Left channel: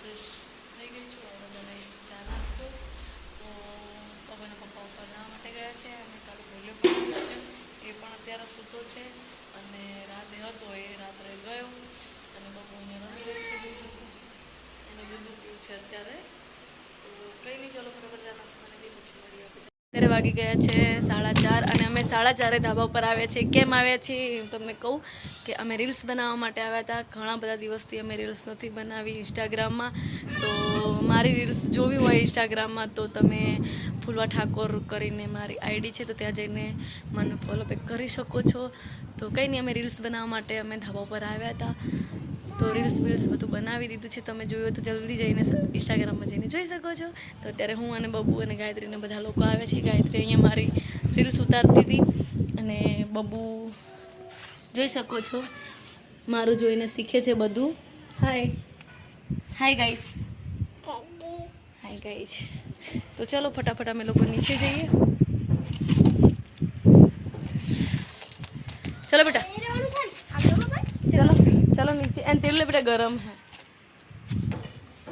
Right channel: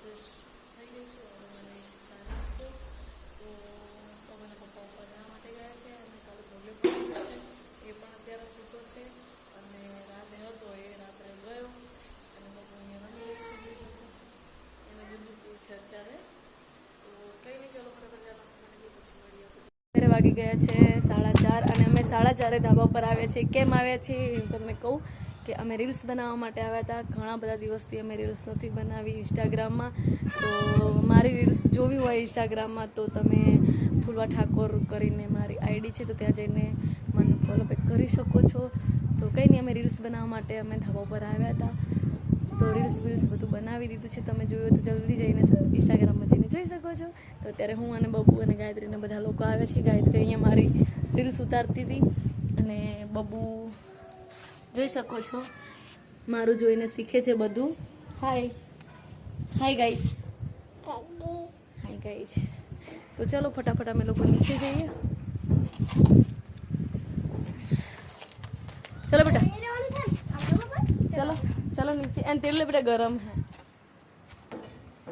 Fresh થઈ ગઈ છું. હવે બનાવીશ ચા નાસ્તો. તો પપ્પાના પપ્પા ઉપર નાવા માટે ગયા છે અને કાલે ભોલે બનાવ્યો છે એ પણ અત્યારે સૂતો છે અને રાતે હતો એ રાત્રે ગયો અને બપોરને રમી છે જોઈ શકો છો. એને દૂધ પીવું છે અત્યારે. તો કંઈ નહીં, ચલો ફટાફટ ચા નાસ્તો બનાવી દઈએ પછી મળીએ. અત્યારે વાગી ગયા છે 4:30 અને અમે 4:30 ધાબા ઉપર આવ્યા છીએ. કેમ આવ્યા છીએ હું તમને કહું કે અમે રીલ્સ બનાવવા માટે આવ્યા હતા. ઘણા બધા દિવસથી અમે રીલ્સ નથી બનાવી ઇન્સ્ટાગ્રામમાં. તો મારી રીલ્સ જોવી હોય ઇન્સ્ટાગ્રામમાં તો તમે ફૂલવા ઠાકોર કરીને મારી આઈડી છે, તો ત્યાં જઈને મને ફોલો બેક કરી શકો છો. તો કંઈ નહીં, અમે રીલ્સ બનાવવા માટે અમે ધાબા ઉપર આવ્યા હતા. તો રીલ્સ બધું બનાવી દીધું છે. તમે જોયું તો જલ્દી જઈને ઇન્સ્ટાગ્રામમાં જઈને જોઈ શકો છો. તો અત્યારે હું અને બબુ અને ગાયત્રીને બધા લોકો આવે છે. ગાયત્રી અહીંયા મારી રીલ્સ ઉતારતી હતી અને બબુ જોઈ શકો છો મારું જોઈને શીખે છે બધું. Hi guys. Hi guys. તો ચલો ફટાફટ અમે લોકો નીચે જઈએ. चलो बेटा, चलो नीचे एंड तेल ले बेटा, गरम है.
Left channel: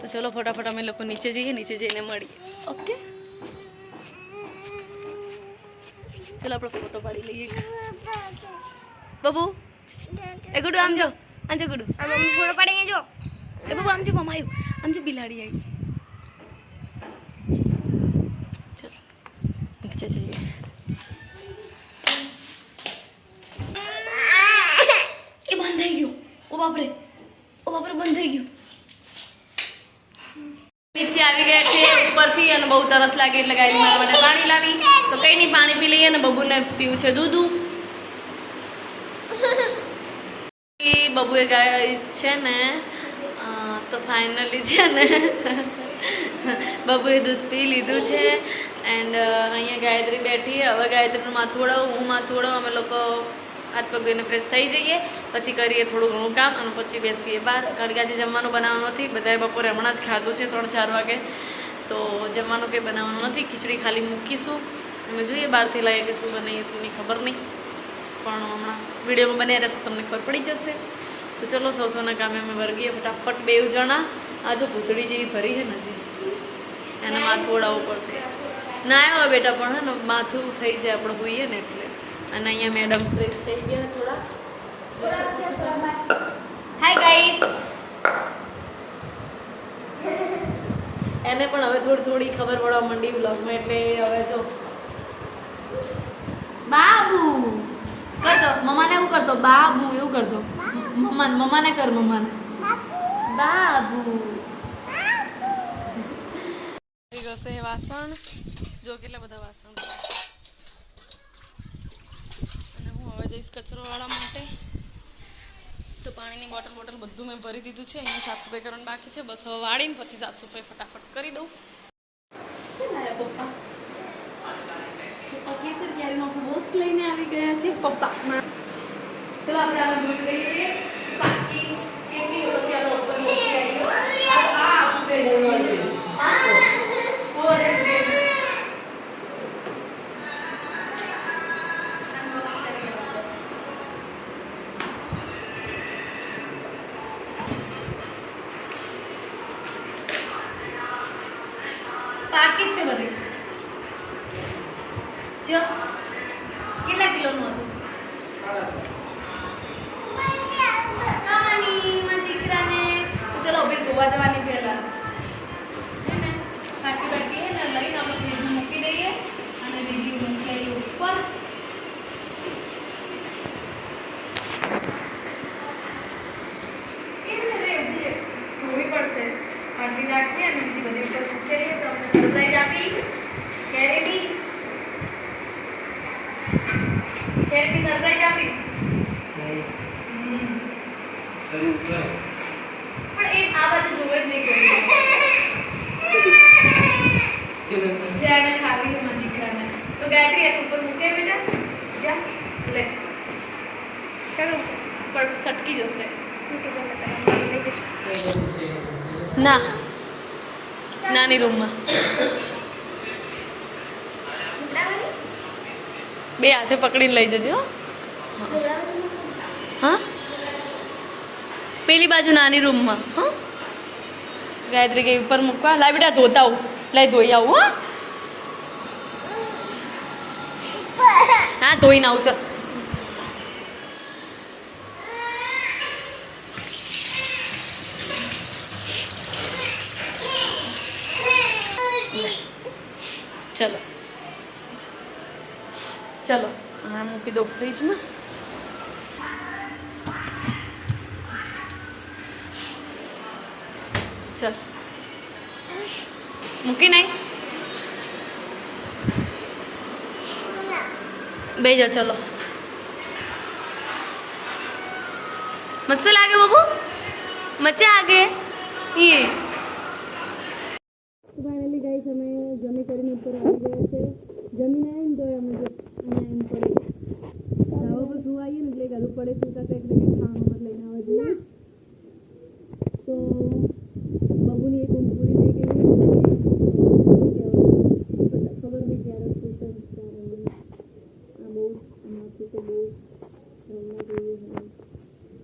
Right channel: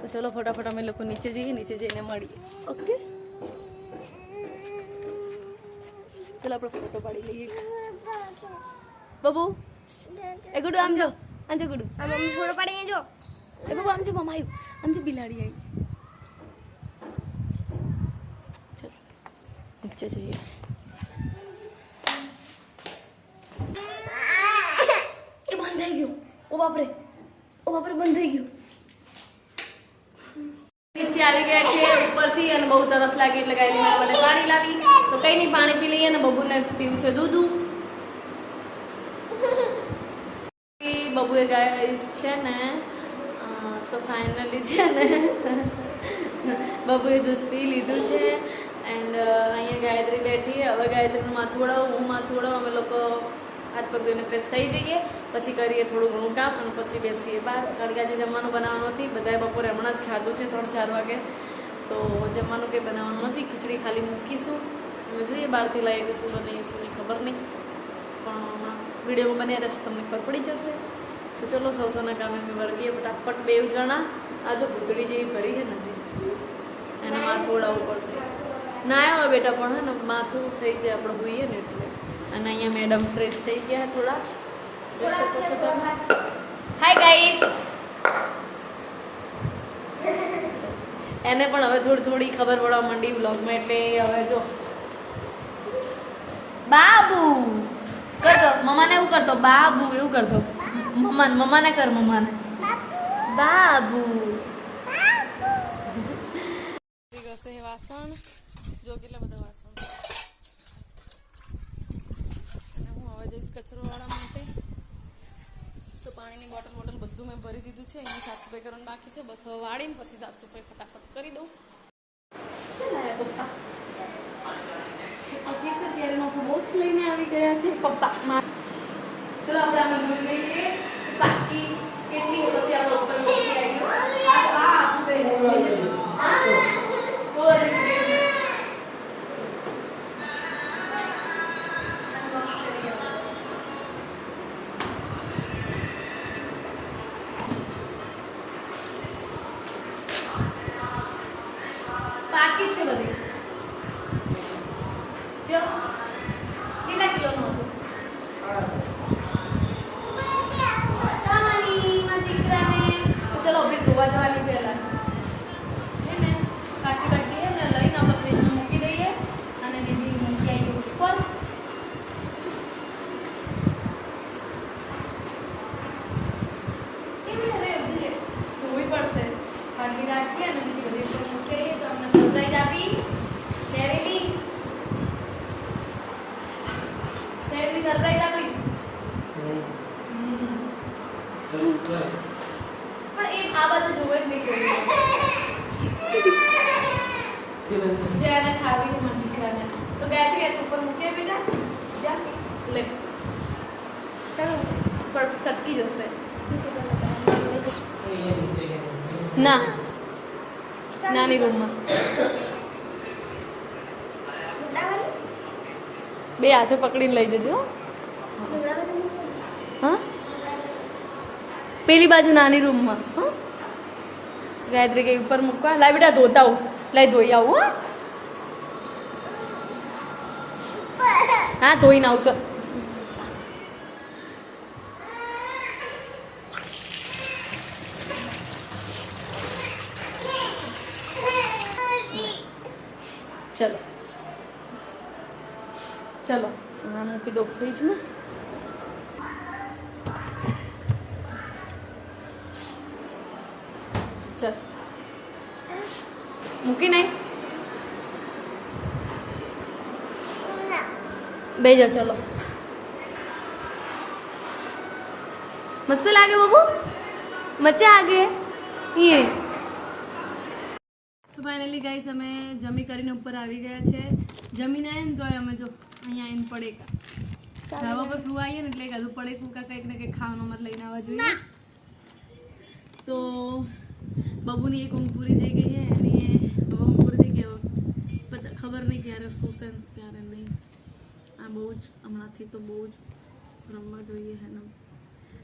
तो चलो फटाफट हमें लोग नीचे जाइए, नीचे जाइए मड़ी. ओके चलो આપણે ફોટો પાડી લઈએ. બબુ એ ગુડુ આમ જો, આમ જો ગુડુ, આ મમ્મી ફોટો પાડી જો. એ બબુ આમ જો, મમ્મા આવ્યું, આમ જો બિલાડી આવી. ચલો નીચે જઈએ. ओ बाप रे बंद થઈ ગયું. નીચે આવી ગયા છે ઉપરથી અને બહુ તરસ લાગી એટલે ગાયને મને પાણી લાવી. તો કઈ નહીં, પાણી પી લઈએ અને બબુને પીવું છે દૂધ. બબુએ ગાય છે ને તો ફાઇનલી છે ને બબુએ દૂધ પી લીધું છે. એન્ડ અહીંયા ગાયત્રી બેઠી. હવે ગાયત્રીનું માથું ઓળાવું, હું માથું ઓળાવું. અમે લોકો હાથ પગ ધોઈને ફ્રેશ થઈ જઈએ, પછી કરીએ થોડું ઘણું કામ અને પછી બેસીએ બહાર. કારણ કે આજે જમવાનું બનાવવાનું નથી. બધાએ બપોરે હમણાં જ ખાધું છે 3-4 વાગે. તો જમવાનું કંઈ બનાવવાનું નથી. ખીચડી ખાલી મૂકીશું. અમે જોઈએ બહારથી લાવીએ કે શું બનાવીએ શું નહીં ખબર નહીં, પણ હમણાં વિડીયોમાં બન્યા રહેશે તમને ખબર પડી જશે. તો ચલો સૌના કામે અમે વર્ગીએ ફટાફટ. 2 જણા આજે ભૂતળી જેવી ફરી છે ને, એને માથું ઓળાવવું પડશે. ના આવ્યો બેટા પણ હે ને માથું થઈ જાય આપણે હોઈએ ને એટલે. અને અહીંયા મેડમ ફ્રેશ થઈ ગયા થોડા, જોઈ શકો છો તમે. Hi guys. એને પણ હવે થોડી ખબર પડવા માંડી વ્લોગમાં, એટલે હવે જો બાબુ કરતો, મમ્માને એવું કરતો, બાબુ એવું કરતો. મમ્માને કર, મમ્માને બાબુ. ઘસે વાસણ જો, કેટલા બધા વાસણ. અને હું હવે જઈશ કચરોવાળા માટે. તો પાણીની બોટલ બધું મેં ભરી દીધું છે. અહીંયા સાફ સફાઈ કરવાનું બાકી છે. બસ હવે વાળીને પછી સાફ સફાઈ ફટાફટ કરી દઉં. શું લાયા પપ્પા? પપ્પા કેસર કેરીનો બોક્સ લઈને આવી ગયા છે પપ્પા. ચલો આપણે આમાં જોઈ લઈએ બાકી કેટલી બધી આ ઉપર મૂકી આવી. પાકી છે બધી. જો કેટલા કિલોનું હતું? ચલો અભી ધોવા જવાની પહેલા હે ને બાકી હે ને લઈને આપણે ફ્રીજમાં મૂકી દઈએ અને બીજી મૂકી આવી ઉપર. ધોવી પડશે. પાણી રાખીએ અને બીજી બધી ઉપર મૂકી દઈએ. તો અમને સરપ્રાઈઝ આપી કેરીની સરપ્રાઈઝ આપી. પણ એ આ બાજુ જોવે જ નહીં કોઈ. જેને ખાવી છે મારી દીકરાને. તો ગાયત્રી એક ઉપર મૂકે બેટા, જા લે. ચાલો પર સટકી જશે. ના નાની રૂમમાં 2 હાથે પકડીને લઈ જજો. હા પેલી બાજુ નાની રૂમમાં. હા ગાયત્રી કે ઉપર મૂકવા લાય બેટા ધોતા આવું લાય ધોઈ આવું હા ધોઈને આવું ચાલ ચલો ચલો હા મૂકી દો ફ્રીજમાં ચલ મૂકી નહીં બે જા ચલો મસ્ત લાગે બાબુ મજા આગે ये તો ફાઇનલી ગાઈસ અમે જમી કરીને ઉપર આવી ગયા છે જમીને આવીએ ને તો અમે જો અહીંયા આવીને પડે ધાબા પર સુવા આવીએ ને એટલે કાધું પડે કુકા કંઈક ને કંઈક ખાવાનું અમારે લઈને આવવા જોઈએ તો બાબુની એક ઊંઘ પૂરી થઈ ગઈ છે એની ઊંઘ પૂરી થઈ ગઈ હવે ખબર નહીં ક્યારે સુશે ક્યારે નહીં આ બહુ જ હમણાંથી તો બહુ જ રમવા જોઈએ હે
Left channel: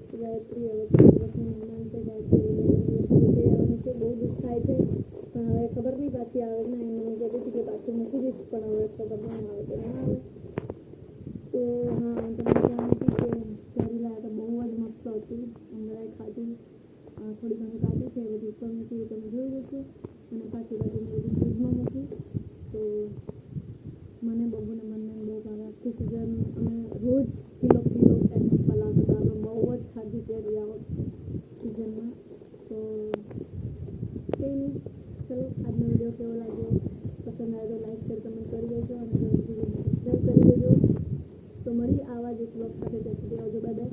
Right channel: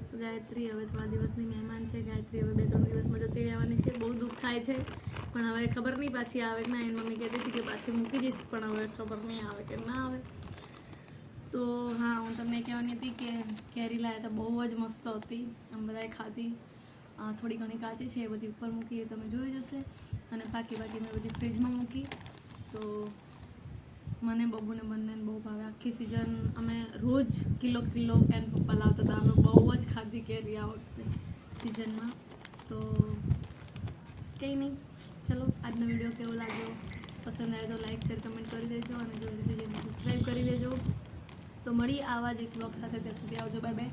તો ગાયત્રી હવે 3 દિવસની મહેમાન છે ગાયત્રી હવે 2-3 દિવસમાં જતી રહેવાની છે બહુ દુઃખ થાય છે પણ હવે ખબર નહીં પાછી આવે કે ના એની મમ્મી કહેતી હતી કે પાછી મૂકી જઈશ પણ હવે ખબર નહીં આવે કે ના આવે તો હા હું તમને કહેવાની હતી કે કેરી લાવ્યા તો બહુ જ મસ્ત હતી અમે બધાએ ખાધી થોડી ઘણી કાચી છે એ બધી ઉપર મૂકી એ તમે જોઈ જશે અને બાકી મેં બધી ફ્રીજમાં મૂકી તો મને બબુને બંનેને બહુ ભાવે આખી સિઝન અમે રોજ કિલો એન્ડ પપ્પા લાવતા હતા અમે બહુ જ ખાધી કેરી આ વખતે સિઝનમાં તો કંઈ નહીં ચલો આજનો વિડીયો કેવો લાગ્યો પસંદ આવે તો લાઈક શેર કમેન્ટ કરી દેજો અને જલ્દીથી સબસ્ક્રાઈબ કરી દેજો તો મળીએ આવા જ એક બ્લોગ સાથે ત્યાં સુધી આવજો બાય બાય